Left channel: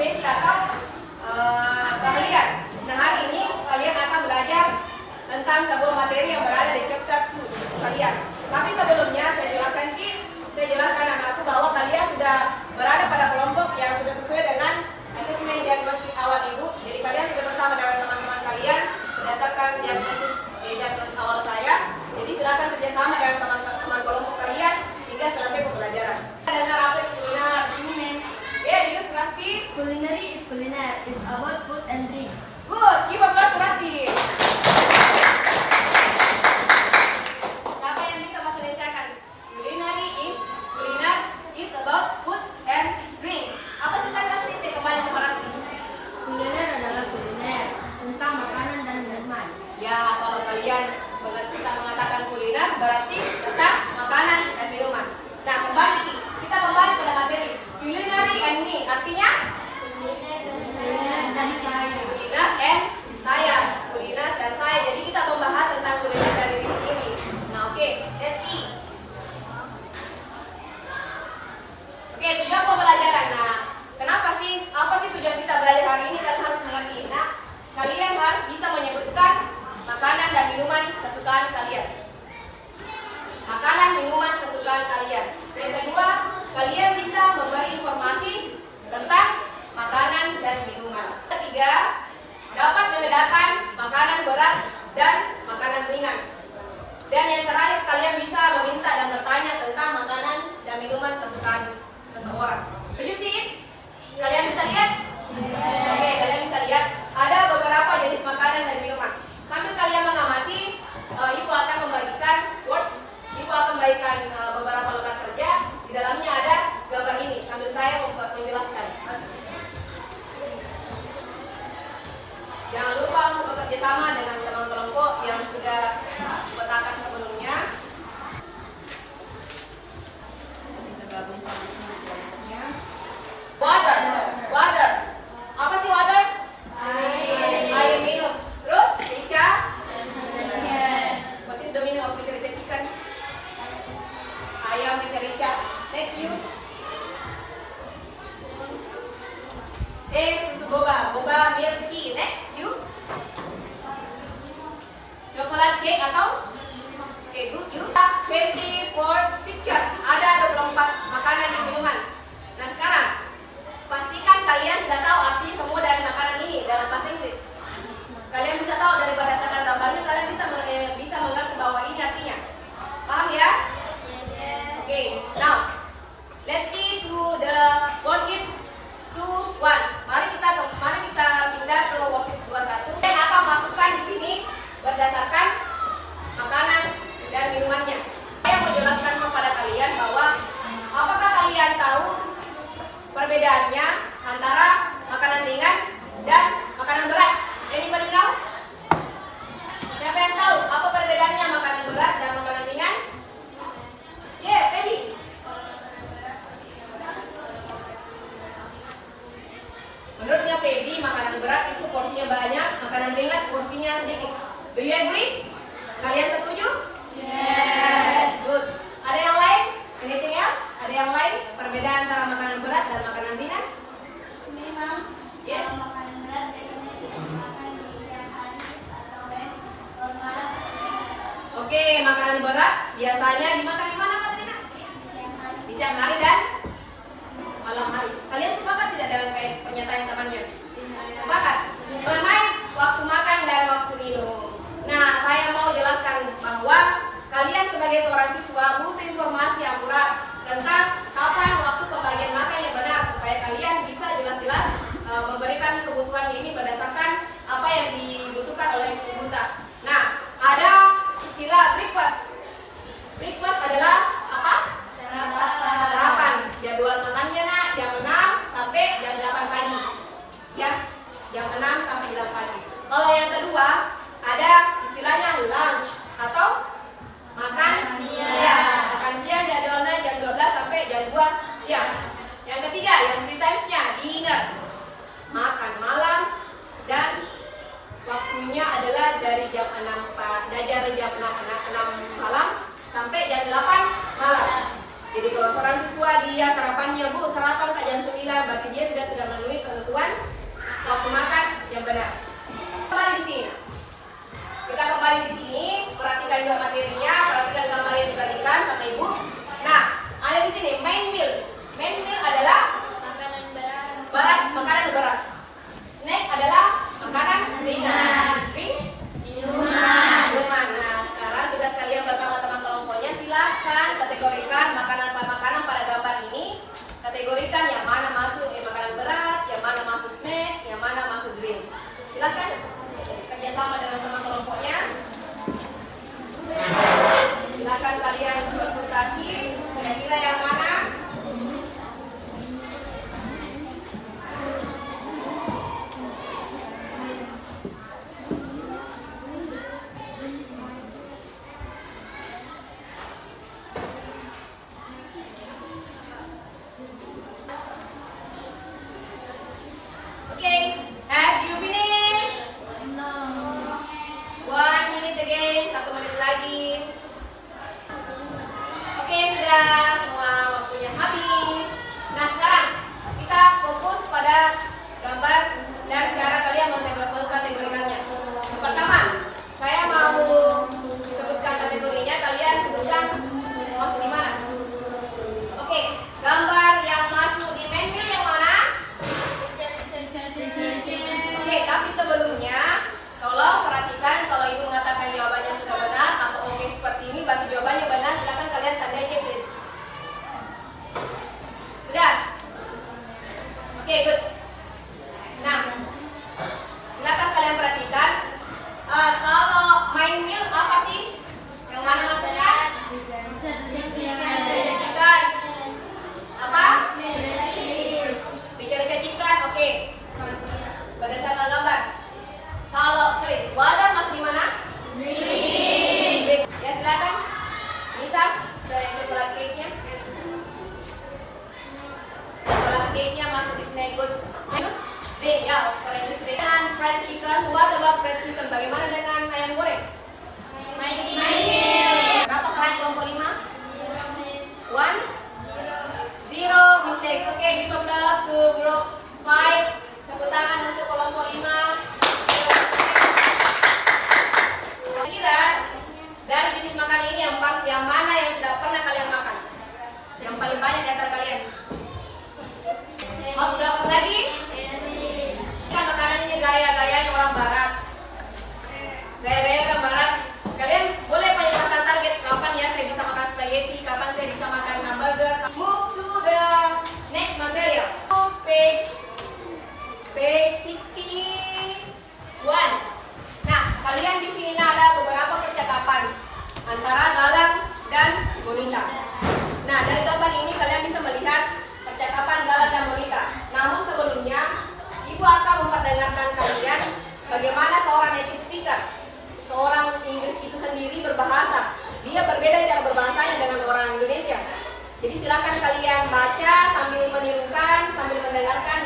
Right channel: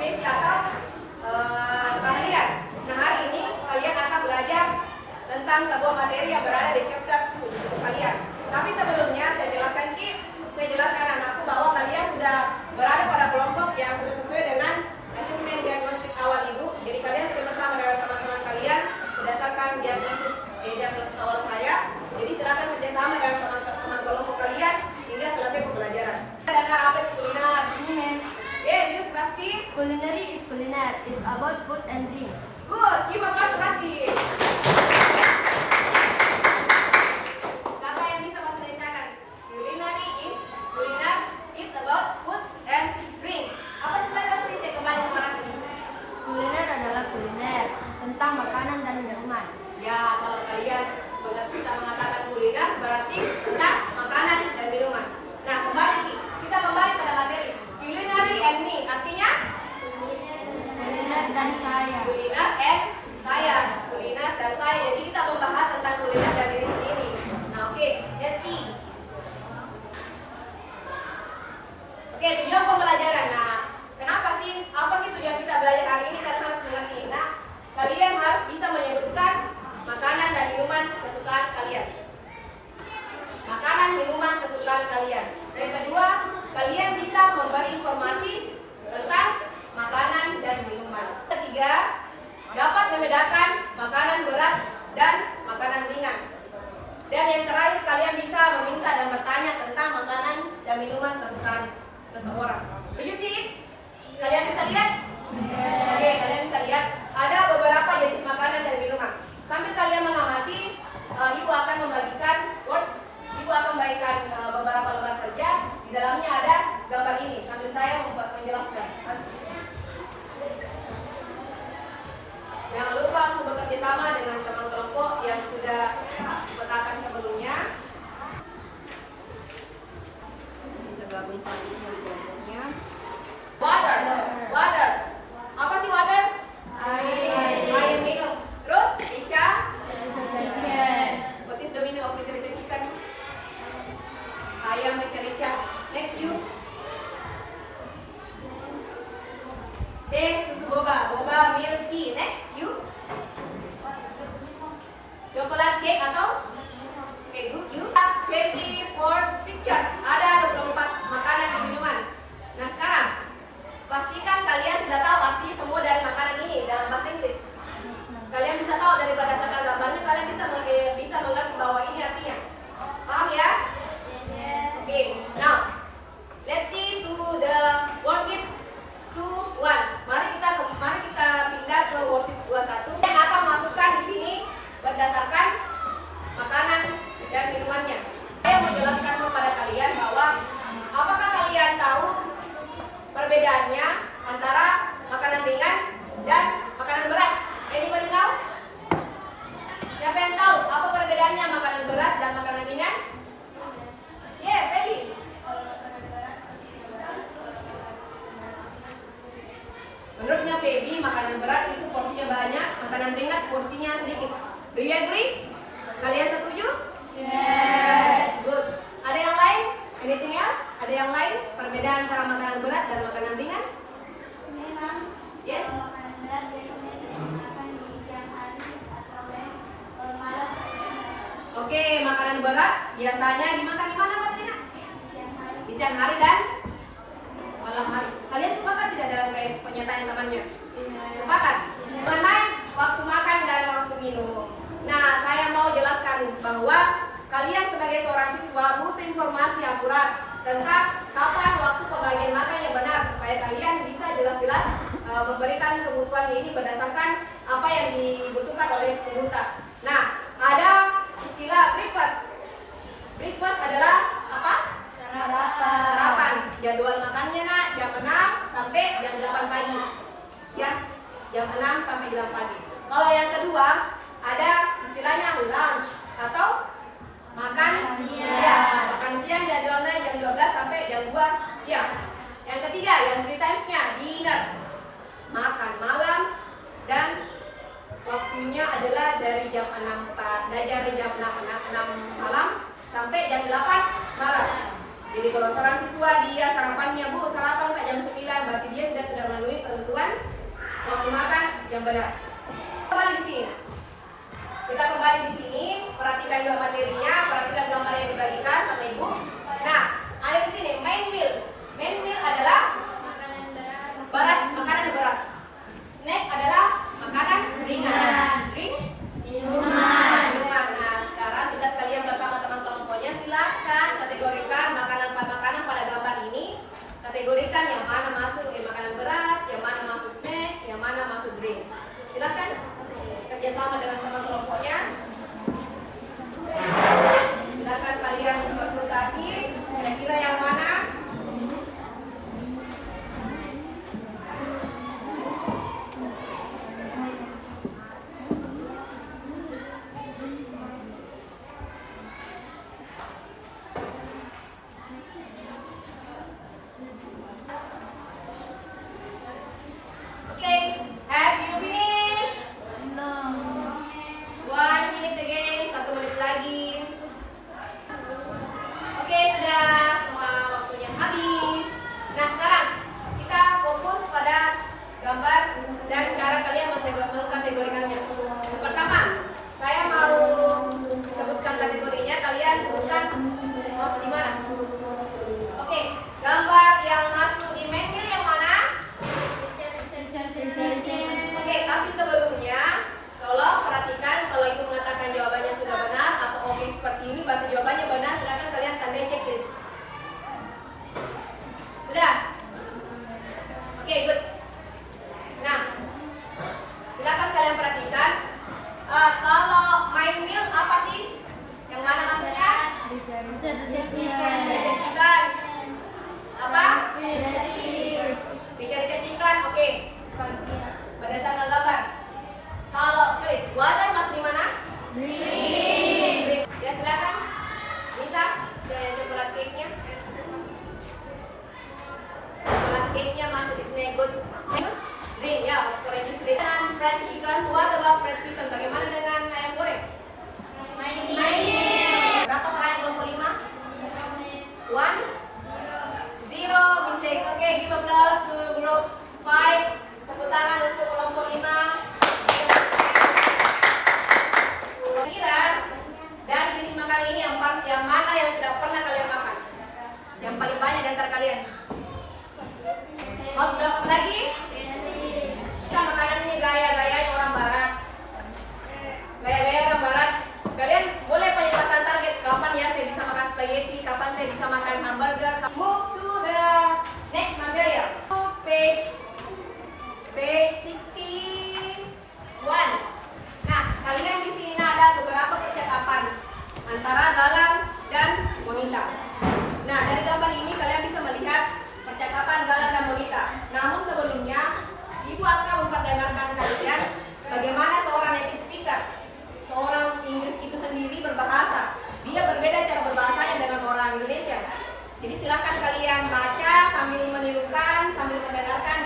basic atau kalian. Nah, hari ini kalian akan belajar tentang sebuah materi yang berada di chapter 2 buku kalian. Tapi sebelumnya saya jelaskan anakku bahwa kalian sudah berada pada kelompok yang sudah sesuai dengan asesmen diagnostik awal ibu. Jadi kalian sudah bersama dengan teman-teman kalian berdasarkan diagnosis awal saya. Jadi silakan kerjasama dengan teman-teman kelompok kalian hingga selesai pembelajaran. Dengar apa itu kuliner? Yes, Rasti. Culinary is culinar. It's about food and drink. Good. Give applause to Rasti. Siapa yang bisa bahasa Indonesia kan? Culinary is kuliner. It's about food and drink. Apa sih tadi Rasti? Saya kembali sama Rasti. Kuliner adalah kuliner tentang makanan dan minuman. Ya, kalau kalian kita mengatakan kuliner berarti tentang makanan dan minuman. Nah, kita kembali pada materi. Culinary and me artinya Kuliner dan saya. kuliner and saya. Kuliner dan saya. Jadi kita membahas tentang kuliner dan diri sendiri. Nah, oke, let's see. Oke, tujuan pembelajaran. Nah, apa sih tujuan kita belajar hari ini? Kalian harus mengerti. Nah, kalian harus bisa menyebutkan makanan dan minuman kesukaan kalian. Makanan, minuman kesukaan kalian. Yang kedua, kalian bisa memberi informasi tentang makanan dan minuman. Ketiga, dapat membedakan makanan berat dan makanan ringan. Dan yang terakhir, kalian bisa meminta dan bertanya tentang makanan dan minuman kesukaan seseorang. Do you see it? Kalian bisa lihat? Oke, kalian bisa lihat ada beberapa jenis makanan dan minuman. Sambil kalian mengamati, ibu akan membagikan words. Ibu akan membagikan beberapa lembar kerja. Di dalamnya ada gambar ini. Sambil saya menjelaskan. Jangan lupa untuk bekerja sama dengan teman kelompok yang sudah dipetakan sebelumnya. Bisa gabung sama kelompoknya. Water. Apa sih water? Air minum. Terus rica. What is the meaning of rica chicken? Ayam rica. Next you. Susu boba milk tea. Next you. Coklat cake atau good you. 24 pictures. Ada 24 makanan dan minuman. Nah, sekarang pastikan kalian sudah tahu arti semua dari makanan ini dalam bahasa Inggris. Kalian bisa tahu dari berdasarkan gambarnya, kalian bisa mengerti bahwa ini artinya. Paham ya? Oke, now let's see to the worksheet 2.1. Mari kita pindah ke worksheet 2.1. Yang akan masukkan di sini berdasarkan makanan dan minumannya. Saya mau jelaskan kepada kalian bahwa apakah kalian tahu perbedaannya antara makanan ringan dan makanan berat? Anybody know? Siapa yang tahu apa perbedaannya makanan berat dan makanan ringan? Yeah, Feby. Menurutnya Feby, makanan berat itu porsinya banyak, makanan ringan porsinya sedikit. Do you agree? Kalian setuju? Yes. Good. Ada yang lain? Anything else? Ada yang lain? Perbedaan antara makanan berat dan makanan ringan? Memang. Yes. Makanan berat biasanya dimakan di siang hari atau malam. Oke, makanan berat biasanya dimakan di mana, Mbak Trina? Di siang hari dan malam hari. Kalian sepakat tidak dalam kayak pernyataan temannya? Sepakat. Mengenai waktu makan dan waktu minum. Nah, saya mau jelaskan bahwa kalian sebagai seorang siswa butuh informasi akurat tentang kapan waktu pembagian makan yang benar supaya kalian bisa jelas-jelas memberikan kebutuhannya ini berdasarkan apa yang dibutuhkan oleh peserta. Nah, ada istilah breakfast. Breakfast adalah apa? Sarapan. Jadwal makannya jam 6 sampai jam 8 pagi. Ya, jam 6 sampai jam 8 pagi. Kalau yang kedua, ada istilahnya lunch atau makan siang. Makan siang jadwalnya jam 12 sampai jam 2 siang. Yang ketiga, yang 3 times-nya dinner. Makan malam dan waktunya adalah dari jam 6 malam sampai jam 8 malam. Jadi kalau seorang siswa dia sarapannya, Bu, sarapan Kak jam 9, berarti dia sudah tidak memenuhi ketentuan waktu makan yang benar. Kembali di sini. Kita kembali di sini, perhatikan juga materinya, perhatikan gambar yang dibagikan sama Ibu. Nah, ada di sini main meal. Main meal adalah makanan berat. Snack adalah makanan ringan. Minuman. Nah, sekarang tugas kalian bersama teman kelompoknya, silakan kategorikan makanan pada gambar ini. Kategorikan yang mana masuk makanan berat, yang mana masuk snack, yang mana masuk drink. Silakan kerjasama dengan teman kelompoknya. Silakan kalian konsultasi kira-kira yang mana. Okay, have you finished? 1 minute again, 1 menit lagi. Oke, sudah semua waktunya habis. Nah, sekarang kita fokus pada gambar dan cara kalian mengkategorikannya. Yang pertama, saya mau sebutkan kategorinya, kalian sebutkan masuk di mana. Oke, gambar yang masuk di main meal yang mana? Oke, tapi sebelumnya tolong perhatikan kalau itu mengatakan jawabannya sudah benar atau oke seperti ini berarti jawabannya benar, silakan kalian tandai checklist. Sudah? Oke, good. Nah, silakan kalian perhatikan kalau main meal apa sih? Yang mana maksudnya? Chicken. Apa? Bicara chicken, oke. Berdasarkan gambar. Kalau water masuk di mana? Drink. Ya silakan. Nisa, coklat cake-nya. Coklat cake-nya masuk di snack good. Juice, drink ya, orange juice drink. Dan fried chicken, what about fried chicken? Bagaimana dengan ayam goreng? Berapa sekarang kelompok 5? 1? 0, mistake. Oke, give applause to group 5. Tepuk tangan untuk kelompok 5. Kira dari jenis makanan ini yang mana yang tidak pernah kalian makan? Yang paling banyak di antara kalian? Hot dog lagi? Kan makanan ini gaya-gaya orang barat. Gaya-gaya orang barat. Kalian boleh pasang target kapan ya saya bisa makan spaghetti, kapan saya bisa makan hamburger. Move to the next material. Page 61. Nah, kalian di sini ada beberapa percakapan antara Galang dan Monita. Nah, dari gambar ini kalian bisa melihat percakapan Galang dan Monita. Namun sebelumnya, Ibu akan memperdengarkan kalian bagaimana seorang native speaker, seorang Inggris itu sendiri berbahasa. Dia berbeda cara berbahasanya dengan orang Indonesia. Jadi silakan kalian baca sambil menirukan, sambil mendengarkan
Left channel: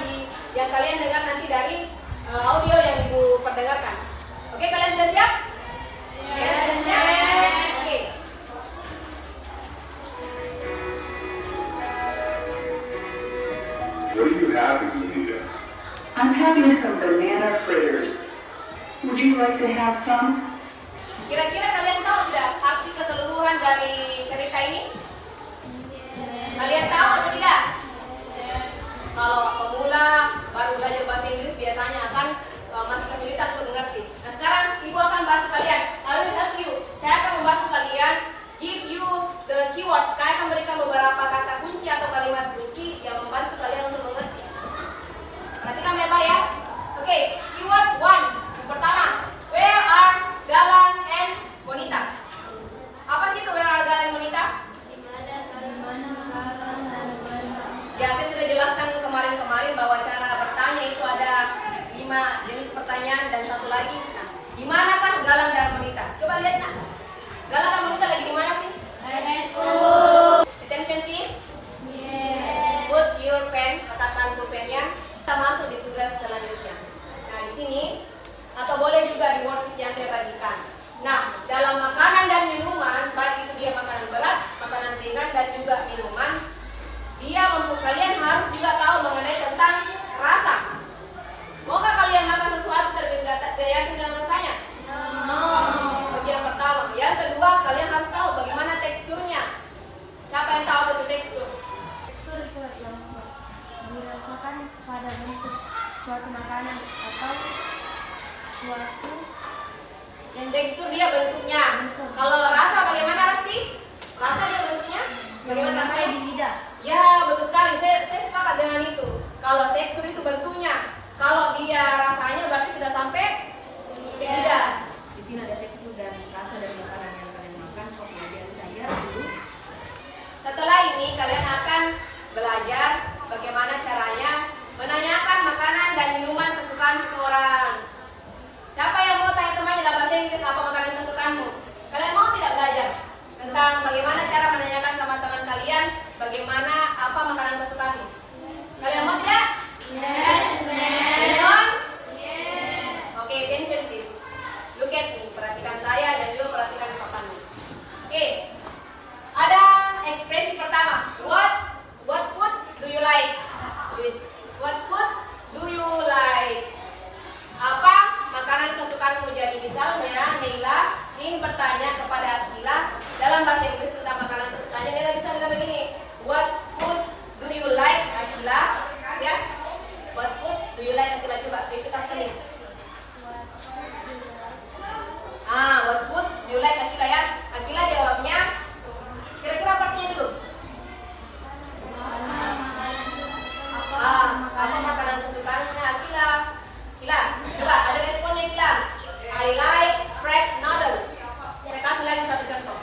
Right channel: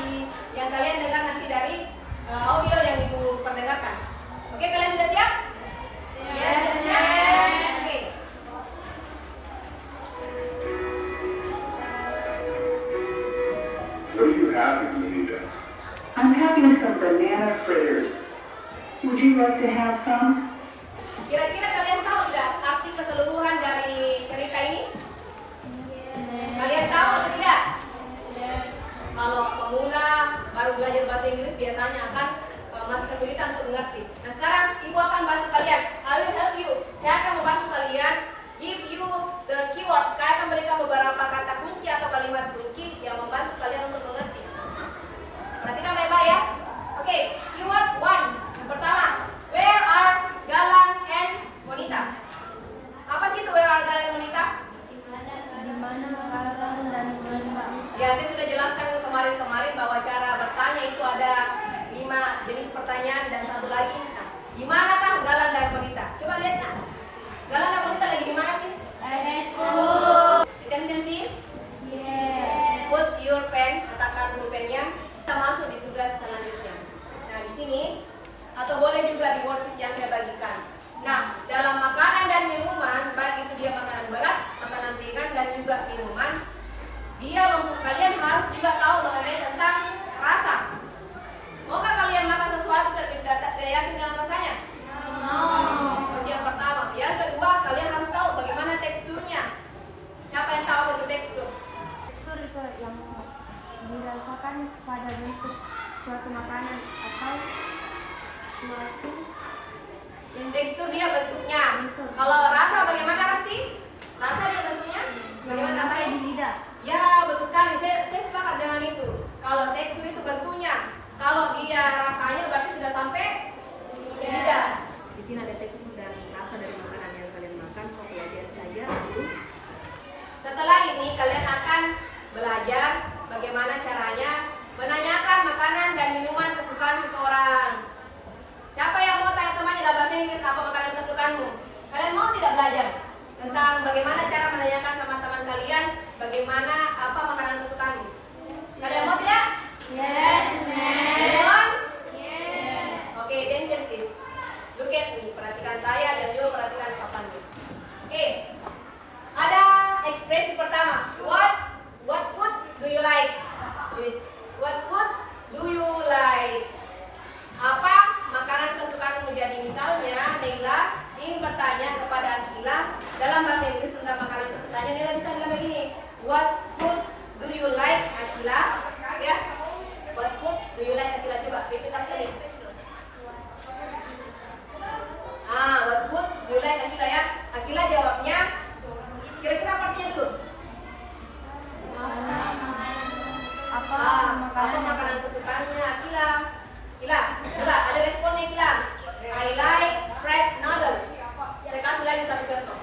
yang kalian dengar nanti dari audio yang Ibu perdengarkan. Oke, kalian sudah siap? Sudah siap. Oke. What are you having, Anita? I'm having some banana fritters. Would you like to have some? Kira-kira kalian tahu tidak arti keseluruhan dari cerita ini? Kalian tahu atau tidak? Kalau pemula baru belajar bahasa Inggris biasanya akan masih kesulitan untuk mengerti. Nah, sekarang Ibu akan bantu kalian. I will help you. Saya akan membantu kalian, give you the keywords. Saya akan berikan beberapa kata kunci atau kalimat kunci yang membantu kalian untuk mengerti. Perhatikan baik-baik ya. Oke, keyword 1. Yang pertama, where are Galang and Monita? Apa sih itu where are Galang and Monita? Ya, saya sudah jelaskan kemarin bahwa cara bertanya itu ada 5 jenis pertanyaan dan satu lagi. Nah, di manakah Galang dan Monita? Coba lihat nak. Galang dan Monita lagi di mana sih? Attention please. Put your pen, letakkan pulpennya. Kita masuk di tugas selanjutnya. Nah, di sini atau boleh juga di worksheet yang saya bagikan. Nah, dalam makanan dan minuman, baik itu dia makanan berat, makanan ringan dan juga minuman, digambarkan pada bentuk suatu makanan atau suatu yang Tekstur dia bentuknya. Kalau rasa bagaimana Rasti? Rasa dia bentuknya? Bagaimana rasanya? di lidah. Ya, betul sekali. Saya sepakat dengan itu. Kalau tekstur itu bentuknya. Kalau dia rasanya berarti sudah sampai di lidah. Di sini ada tekstur dan rasa dari makanan yang kalian makan. Kau pelajari saja dulu. Setelah ini kalian akan belajar bagaimana caranya menanyakan makanan dan minuman kesukaan seseorang. Siapa yang mau tanya temannya dalam bahasa Inggris apa makanan kesukaanmu? Kalian mau tidak belajar tentang bagaimana cara menanyakan sama teman kalian bagaimana apa makanan kesukaanmu? Kalian mau tidak? Yes, Anyone? Oke, attention please. Look at me. Perhatikan saya dan juga perhatikan papanmu. Oke. Ada ekspresi pertama. What food do you like? Tulis. What food do you like? Apa makanan kesukaanmu? Jadi misalnya Neila ingin bertanya kepada Akila dalam bahasa Inggris tentang makanan kesukaannya. Neila bisa bilang begini. What food do you like, Akila? Ya. What food do you like, Akila? Coba repeat after me. What food do you like, Akila ya? Akila jawabnya kira-kira artinya dulu. Apa makanan kesukaanmu Akila? Akila, coba ada responnya Akila. I like fried noodle. Saya kasih lagi satu contoh.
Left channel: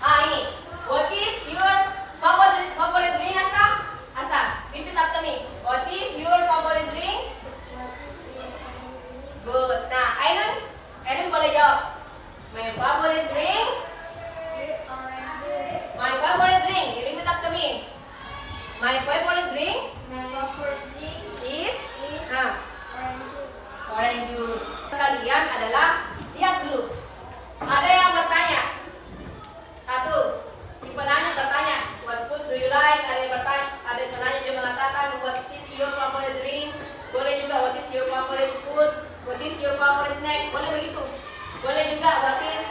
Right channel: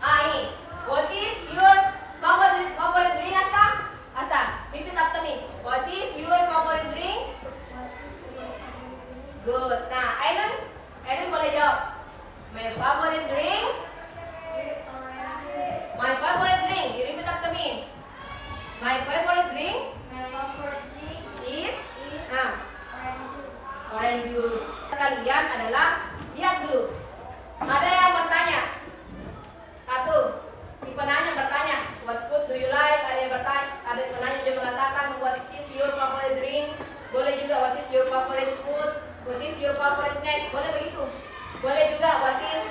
Ini. What is your favorite drink, Asa? Asa, repeat after me. What is your favorite drink? Good. Nah, Ainun boleh jawab. My favorite drink? My favorite drink. You repeat after me. My favorite drink is orange juice. Kalian adalah lihat dulu. Ada yang bertanya. Satu, si penanya bertanya, what food do you like? Ada yang bertanya, ada yang penanya juga mengatakan what is your favorite drink? Boleh juga what is your favorite food? What is your favorite snack? Boleh begitu. Boleh juga what is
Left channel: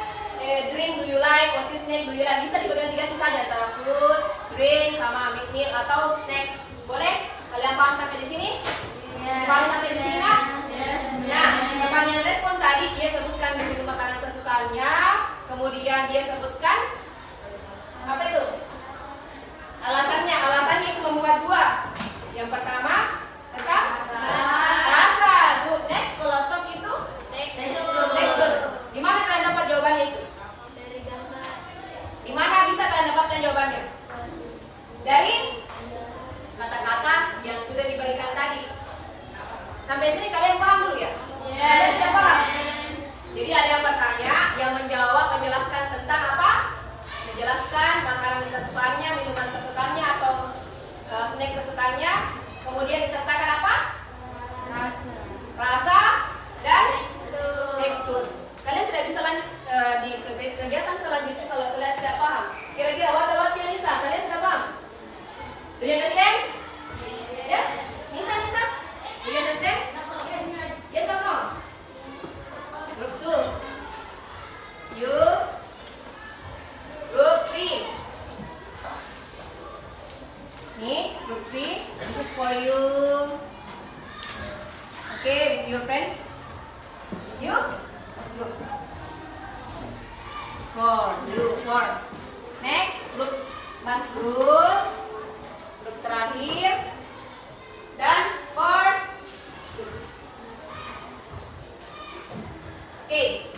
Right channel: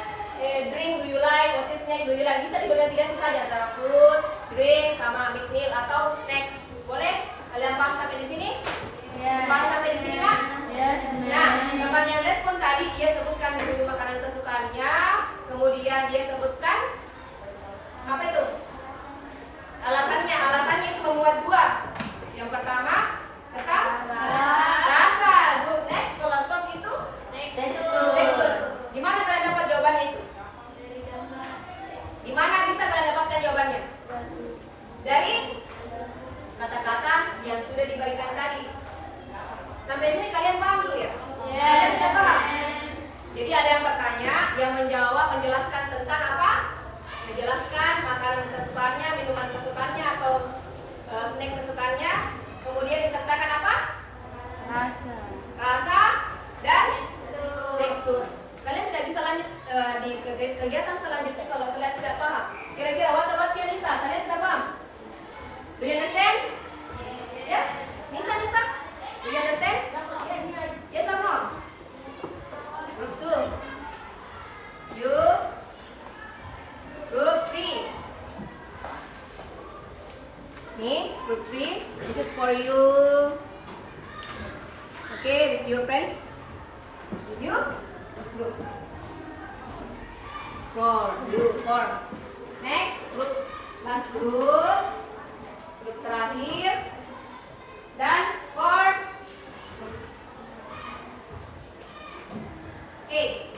drink do you like? What is snack do you like? Bisa diganti-ganti saja antara food, drink sama meal atau snack. Boleh? Kalian paham sampai di sini? Paham sampai di sini kan? Nah, yang respon tadi dia sebutkan dulu makanan kesukaannya, kemudian dia sebutkan apa itu? Alasannya itu membuat dua. Yang pertama tentang rasa. Good. Next, kalau sop itu tekstur. Di mana kalian dapat jawabannya itu? Di mana bisa kalian dapatkan jawabannya? Dari kata-kata yang sudah dibagikan tadi. Sampai sini kalian paham dulu ya? Kalian sudah paham? Jadi ada yang bertanya, yang menjawab, menjelaskan tentang apa? Menjelaskan makanan kesukaannya, minuman kesukaannya atau snack kesukaannya. Kemudian disertakan apa? Rasa dan tekstur. Kalian tidak bisa lanjut di kegiatan selanjutnya kalau kalian tidak paham. Kira-kira what about you, Nisa? Kalian sudah paham? Do you understand? Ya? Nisa? Do you understand? Yes or no? Group 2. You? Group 3. Nih, group 3. This is for you. Okay, with your friends. You? Group. For. Next, group. Last group. Group terakhir. Dan first. Oke.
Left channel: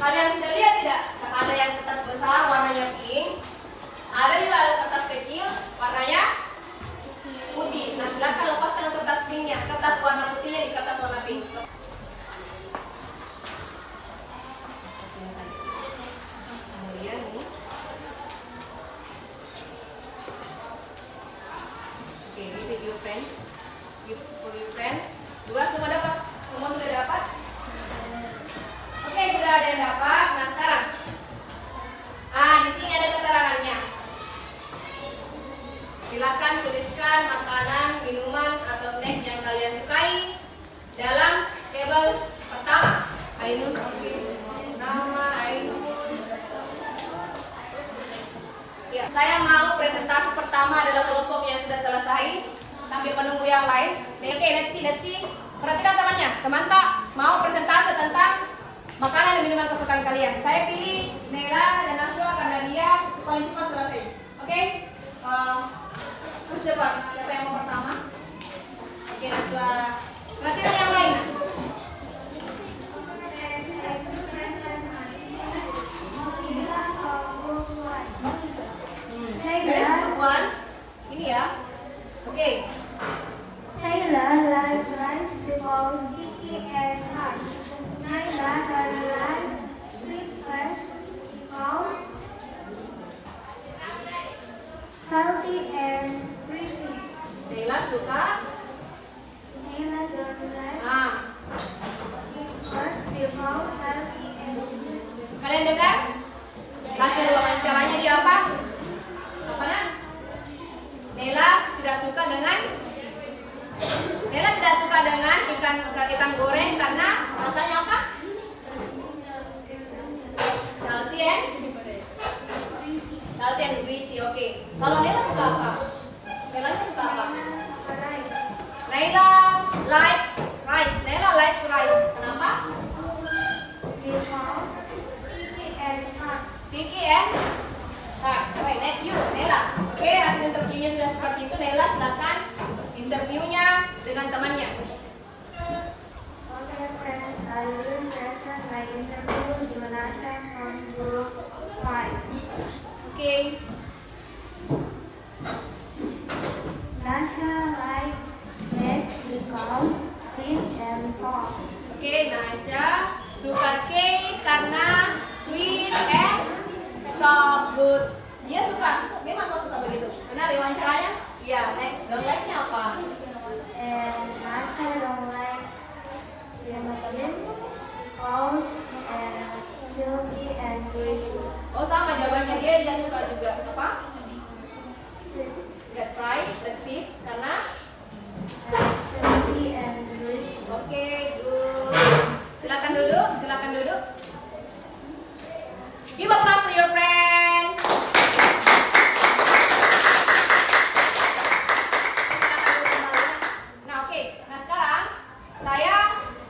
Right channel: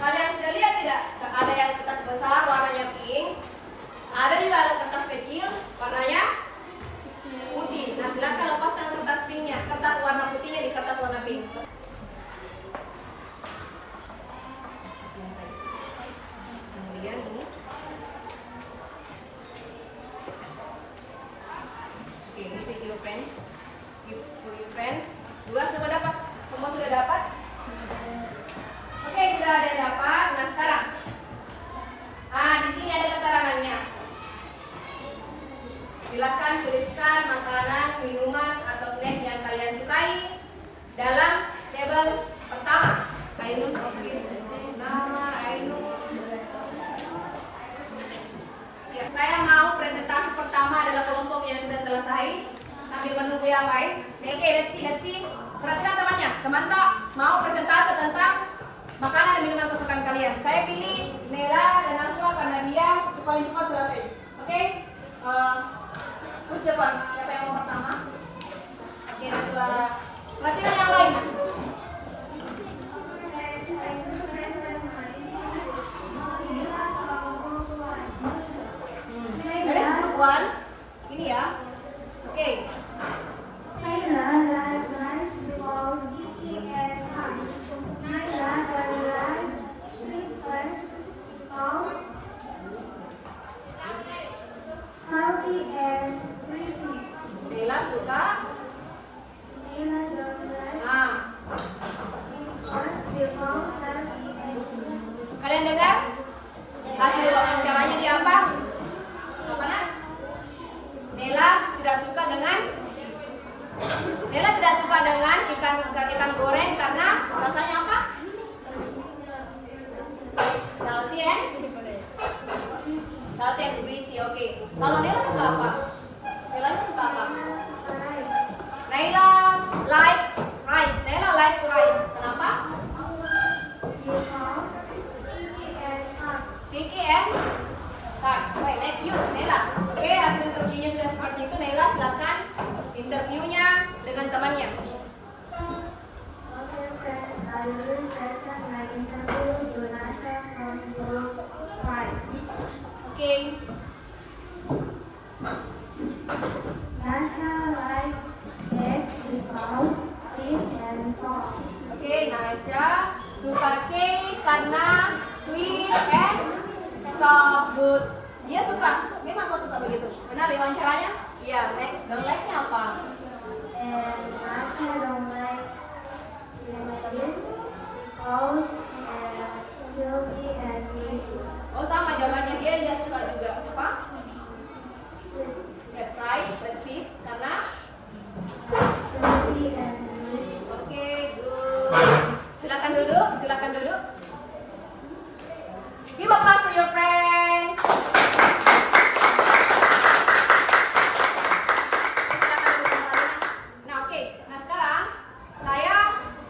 Kalian sudah lihat tidak? Ada yang kertas besar warnanya pink. Ada juga kertas kecil warnanya putih. Nah, silakan lepaskan kertas pinknya, kertas warna putihnya di kertas warna pink. Kemudian ini. Oke, ini with your friends. For your friends. Dua semua dapat? Semua sudah dapat? Oke, sudah ada yang dapat. Nah, sekarang. Di sini ada keterangannya. Silakan tuliskan makanan, minuman, atau snack yang kalian sukai dalam tabel pertama. Ainun, nama Ainun. Ya, saya mau presentasi pertama adalah kelompok yang sudah selesai. sambil menunggu yang lain. Oke, let's see. Perhatikan temannya. Teman tak mau presentase tentang makanan dan minuman kesukaan kalian. Saya pilih Nela dan Nashwa karena dia paling cepat selesai. Oke? Terus depan. Siapa yang mau pertama? Oke, Nashwa. Perhatikan yang lain. Dari group 1. Ini ya. Oke. Naila like rice because Kiki and hot. Naila like rice because salty and crispy. Nela suka. Naila don't like rice because salty and crispy. Kalian dengar? Hasil wawancaranya dia apa? Apa nak? Nela tidak suka dengan ikan goreng karena rasanya apa? Salty and greasy. Oke. Kalau Nela suka apa? Nela suka apa? Naila like rice. Nela like rice. Kenapa? Because Kiki and hot. Vicky and wait, next you, Nela. Oke, hasil interviewnya sudah seperti itu. Nela silakan interviewnya dengan temannya. Okay, friends, I will present my interview Jonathan from Group 5. Oke. Nasha like cake because sweet and soft. Oke, Nasya suka cake karena sweet and soft. Good. Dia suka, memang kau suka begitu. Benar wawancaranya? Iya, next. Don't like-nya apa? And Nasha don't like sandwiches because silky and greasy. Oh, sama jawabannya dia suka juga apa? Red rice, red fish karena Silky and greasy. oke, good. Silakan duduk. Give applause to your friends. Silakan duduk kembali. Nah, oke. Nah, sekarang saya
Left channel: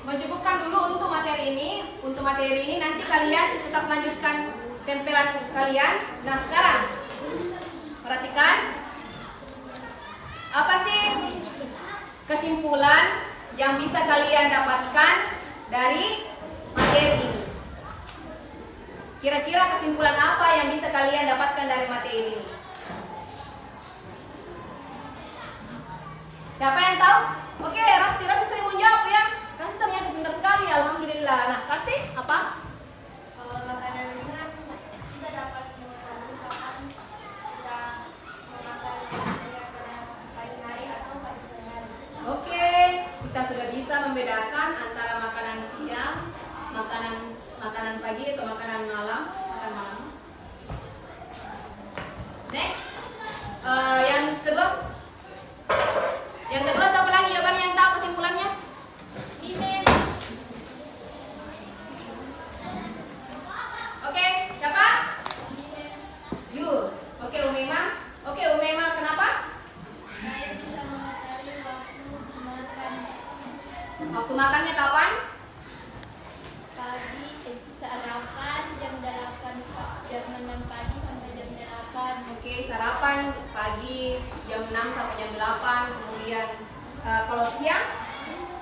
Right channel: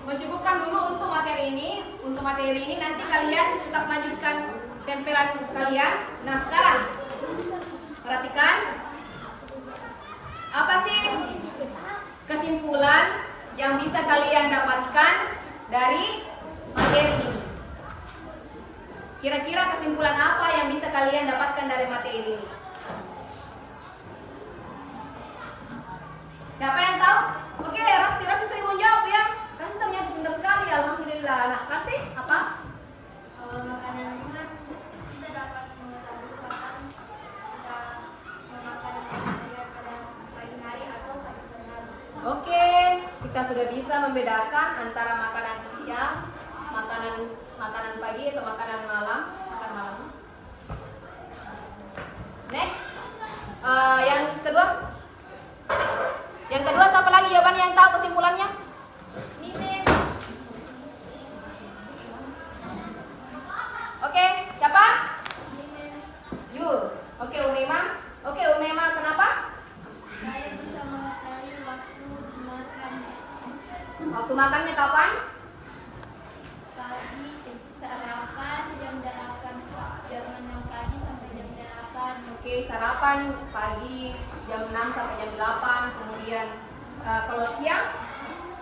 mencukupkan dulu untuk materi ini. Untuk materi ini nanti kalian tetap lanjutkan tempelan kalian. Nah, sekarang perhatikan apa sih kesimpulan yang bisa kalian dapatkan dari materi ini? Kira-kira kesimpulan apa yang bisa kalian dapatkan dari materi ini? Siapa yang tahu? Oke, Rasti sering menjawab ya. Rasti ternyata pintar sekali, alhamdulillah. Nah, Rasti apa? Makanan ringan kita dapat mengetahui kapan kita memakan pagi hari atau pagi siang. Oke, kita sudah bisa membedakan antara makanan siang, makanan pagi atau makanan malam. Next, yang kedua siapa lagi jawabannya yang tahu kesimpulannya? Oke, siapa? You. Oke, Umaima. Kenapa? Saya bisa mengetahui waktu makan Waktu makannya kapan? pagi, sarapan jam 6 pagi sampai jam 8. Oke, sarapan pagi jam 6 sampai jam 8. Kemudian kalau siang?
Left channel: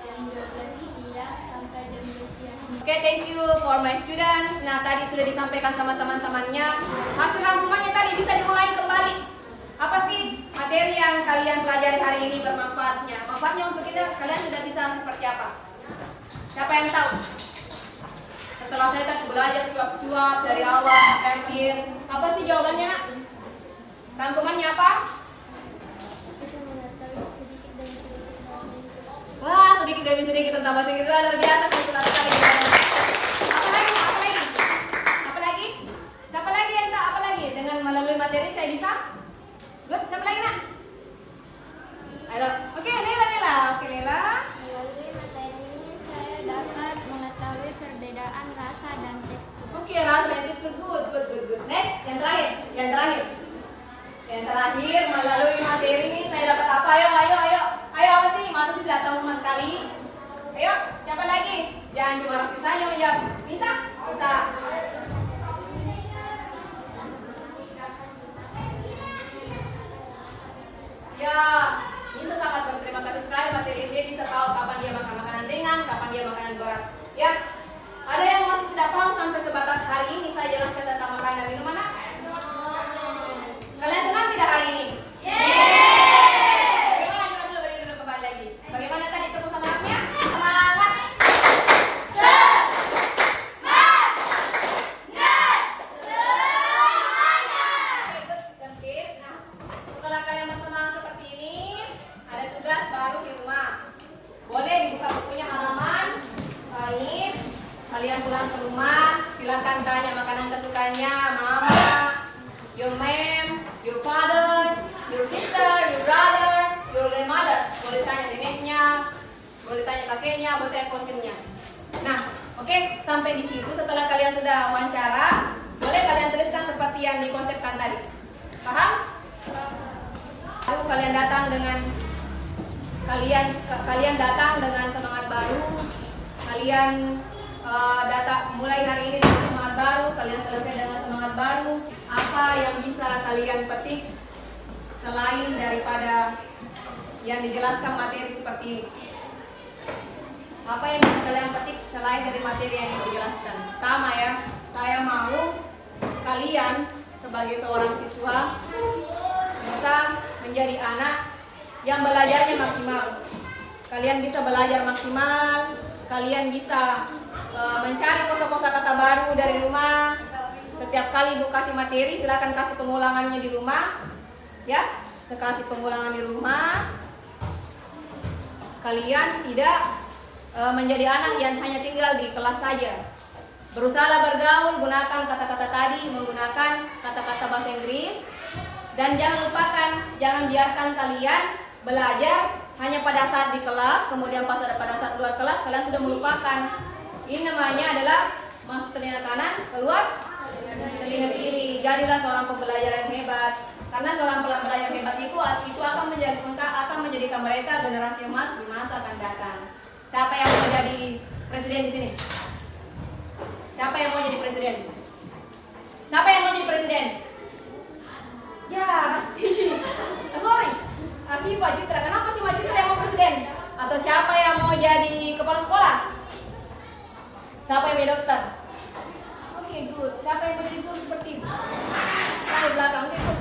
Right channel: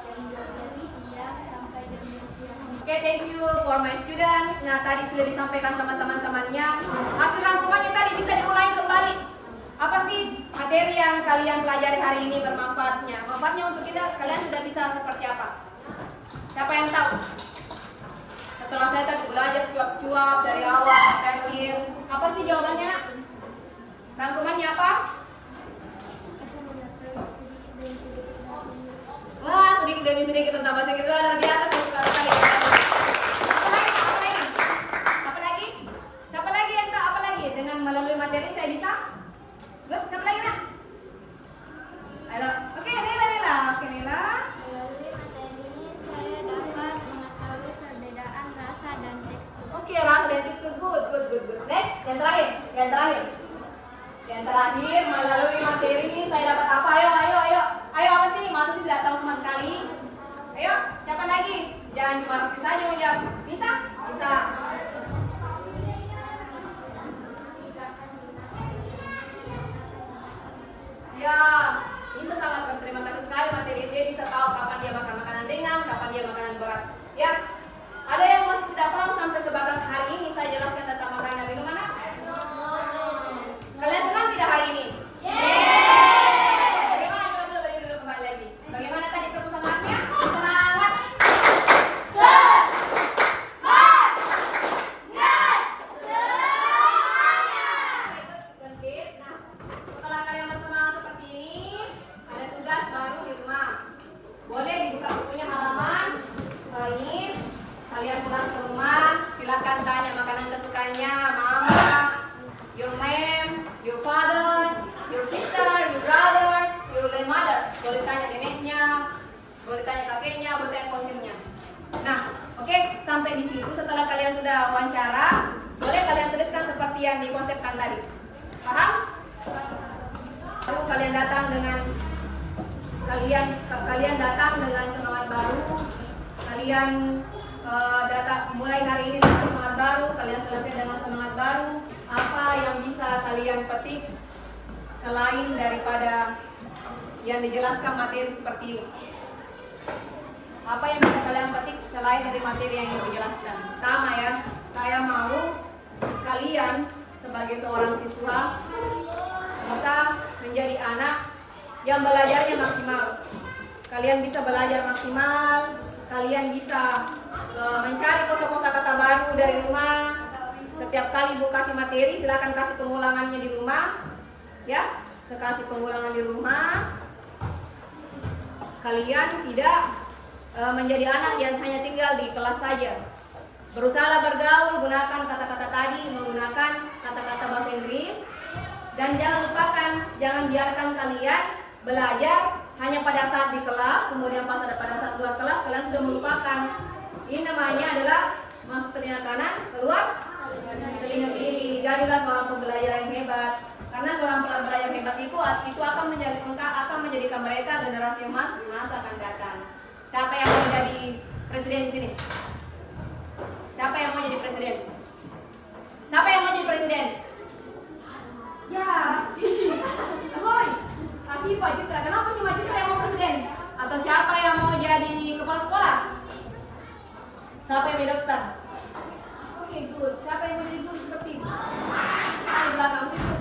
Jam 12 siang sampai jam 2 siang. Oke, thank you for my students. Nah, tadi sudah disampaikan sama teman-temannya. Hasil rangkumannya tadi bisa diulangi kembali. Apa sih materi yang kalian pelajari hari ini bermanfaatnya? Manfaatnya untuk kita, kalian sudah bisa seperti apa? Siapa yang tahu? Setelah saya tadi belajar cuap-cuap dari awal sampai akhir, apa sih jawabannya, Nak? Rangkumannya apa? Kita mengetahui sedikit demi sedikit. Wah, sedikit demi sedikit tentang bahasa Inggris luar biasa, suka sekali. Apa lagi? Siapa lagi yang tahu apa lagi? Dengan melalui materi saya bisa? Good. Siapa lagi, Nak? Ayo. Oke, Nela. Oke, Nela. Melalui materi ini saya dapat mengetahui perbedaan rasa dan tekstur. Oke, rasa dan tekstur. Good. Next, yang terakhir. Yang terakhir, melalui materi ini saya dapat apa? Ayo apa sih? Masa sih tidak tahu sama sekali? Ayo, siapa lagi? Jangan cuma Rosti saja menjawab. Bisa? Bisa. Ya, Nisa sangat berterima kasih sekali materi dia bisa tahu kapan dia makan makanan ringan, kapan dia makanan berat. Ya, ada yang masih tidak paham sampai sebatas hari ini saya jelaskan tentang makanan dan minuman. Kalian senang tidak hari ini? Bagaimana kita boleh berdiri dulu kembali lagi? Bagaimana tadi tepuk semangatnya? Semangat! Setelah kalian bersemangat seperti ini, ada tugas baru di rumah. Boleh dibuka bukunya halaman. Baik, kalian pulang ke rumah, silakan tanya makanan kesukaannya mama, your mom, your father, your sister, your brother, your grandmother. Boleh tanya neneknya, boleh tanya kakeknya, boleh tanya konsilnya. Nah, oke, sampai di situ. Setelah kalian sudah wawancara, boleh kalian tuliskan seperti yang dikonsepkan tadi. Paham? Lalu kalian datang dengan semangat baru. Kalian datang mulai hari ini dengan semangat baru. Kalian selesai dengan semangat baru. Apa yang bisa kalian petik selain daripada yang dijelaskan materi seperti ini? Apa yang bisa kalian petik selain dari materi yang dijelaskan? Sama ya, saya mau kalian sebagai seorang siswa bisa menjadi anak yang belajarnya maksimal. Kalian bisa belajar maksimal, kalian bisa mencari kosa-kosa kata baru dari rumah. Setiap kali ibu kasih materi, silakan kasih pengulangannya di rumah. Ya, sekali pengulangan di rumah. Kalian tidak menjadi anak yang hanya tinggal di kelas saja. Berusaha bergaul, gunakan kata-kata tadi, menggunakan kata-kata bahasa Inggris. Dan jangan lupakan, jangan biarkan kalian belajar hanya pada saat di kelas, kemudian pada saat keluar kelas kalian sudah melupakan. Ini namanya adalah masuk telinga kanan, keluar telinga kiri. Jadilah seorang pembelajar yang hebat. Karena seorang pembelajar hebat itu akan menjadikan mereka generasi emas di masa akan datang. Siapa yang mau jadi presiden di sini? Siapa yang mau jadi presiden? Siapa yang mau jadi presiden? Ya, Rasti. Sorry. Asifa Citra. Kenapa cuma Citra yang mau presiden? Atau siapa yang mau jadi kepala sekolah? Siapa yang mau jadi dokter? Oke, good. Siapa yang mau jadi guru seperti itu? Di belakang. Oke, good.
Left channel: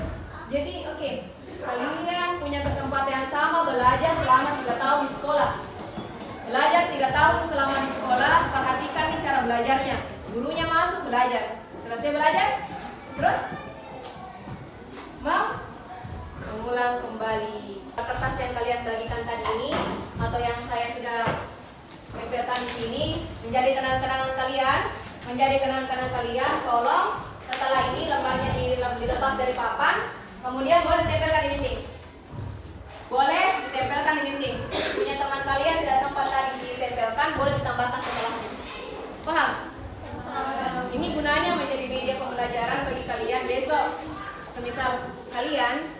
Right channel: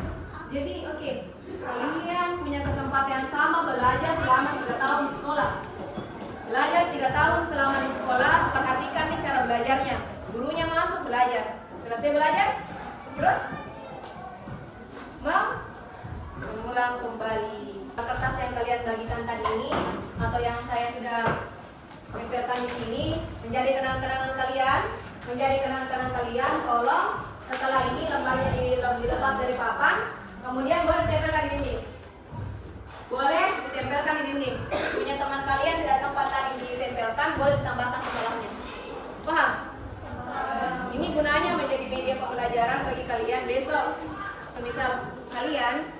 Jadi, oke. Kalian punya kesempatan yang sama belajar selama 3 tahun di sekolah. Belajar 3 tahun selama di sekolah. Perhatikan nih cara belajarnya. Gurunya masuk belajar. Selesai belajar, terus mengulang kembali. Kertas yang kalian bagikan tadi ini atau yang saya sudah tempelkan di sini menjadi kenang-kenangan kalian, tolong setelah ini lembarnya dilepas dari papan, kemudian boleh ditempelkan di dinding. Boleh ditempelkan di dinding. Punya teman kalian tidak sempat tadi ditempelkan, boleh ditambahkan setelahnya. Paham? Ini gunanya menjadi media pembelajaran bagi kalian besok. Semisal kalian,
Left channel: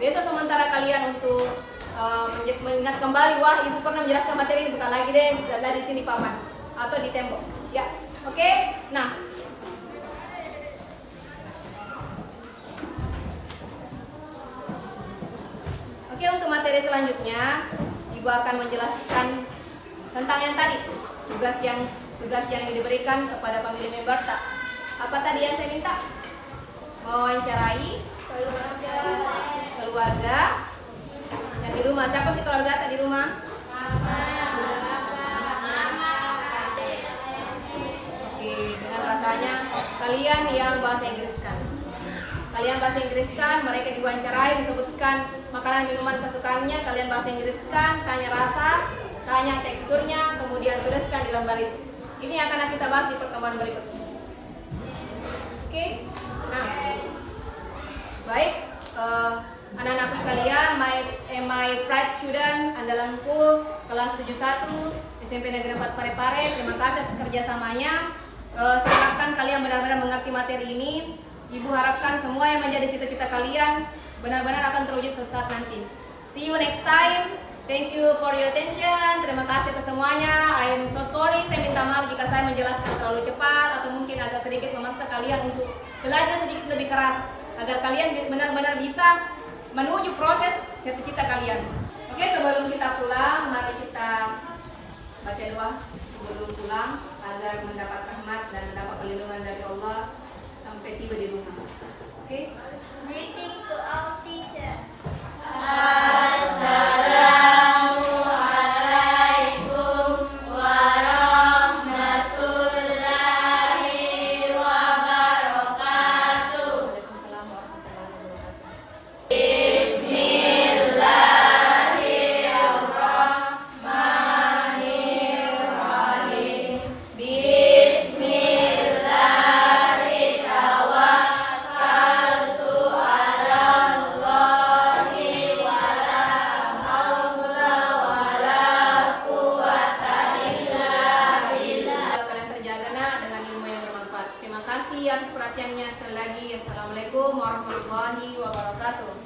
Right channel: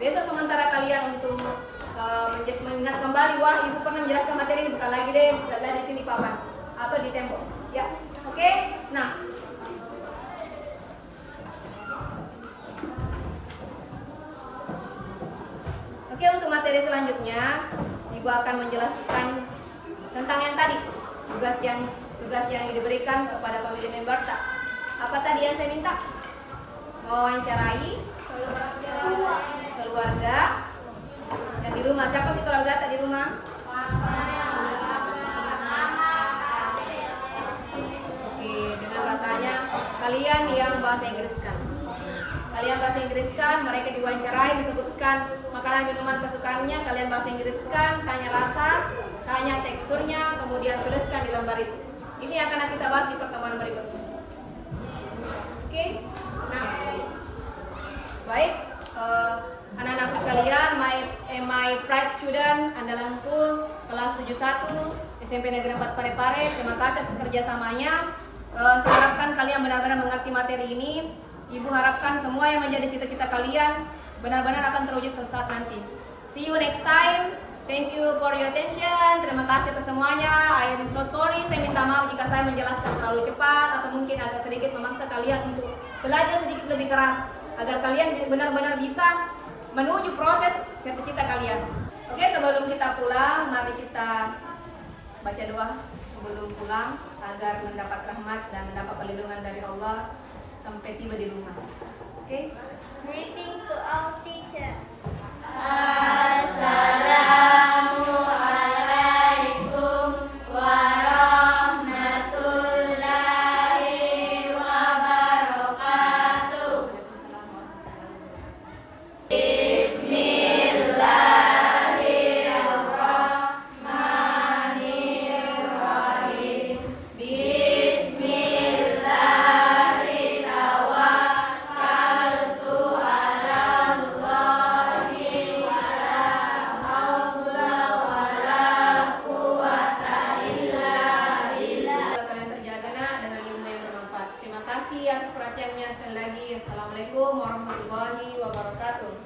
besok sementara kalian untuk mengingat kembali, wah ibu pernah menjelaskan materi ini, bukan lagi deh, ada di sini papan atau di tembok. Ya, oke. Nah, untuk materi selanjutnya, ibu akan menjelaskan tentang yang tadi, tugas yang diberikan kepada pemilih member tak. Apa tadi yang saya minta? Mewawancarai keluarga yang di rumah. Siapa sih keluarga tadi di rumah? Oke, dengan rasanya kalian yang bahasa Inggriskan, mereka diwawancarai, disebutkan makanan minuman kesukaannya, kalian bahasa Inggriskan, tanya rasa, tanya teksturnya, kemudian tuliskan di lembar itu. Ini yang akan kita bahas di pertemuan berikutnya. Oke, nah, baik, anak-anakku sekalian, my pride student, andalanku, kelas 71, SMP Negeri 4 Parepare, terima kasih atas kerjasamanya. Saya harapkan kalian benar-benar mengerti materi ini. Ibu harapkan semua yang menjadi cita-cita kalian benar-benar akan terwujud suatu saat nanti. See you next time. Thank you for your attention. Terima kasih atas semuanya. I am so sorry. Saya minta maaf jika saya menjelaskan terlalu cepat atau mungkin agak sedikit memaksa kalian untuk belajar sedikit lebih keras agar kalian benar-benar bisa menuju proses cita-cita kalian. Oke, sebelum kita pulang, mari kita baca doa sebelum pulang agar mendapat rahmat dan mendapat perlindungan dari Allah sampai tiba di rumah. Oke? Greeting to our teacher. Assalamualaikum warahmatullahi wabarakatuh. Bismillahirrahmanirrahim. Bismillahirrahmanirrahim. Terima kasih atas perhatiannya sekali lagi. Assalamualaikum warahmatullahi wabarakatuh.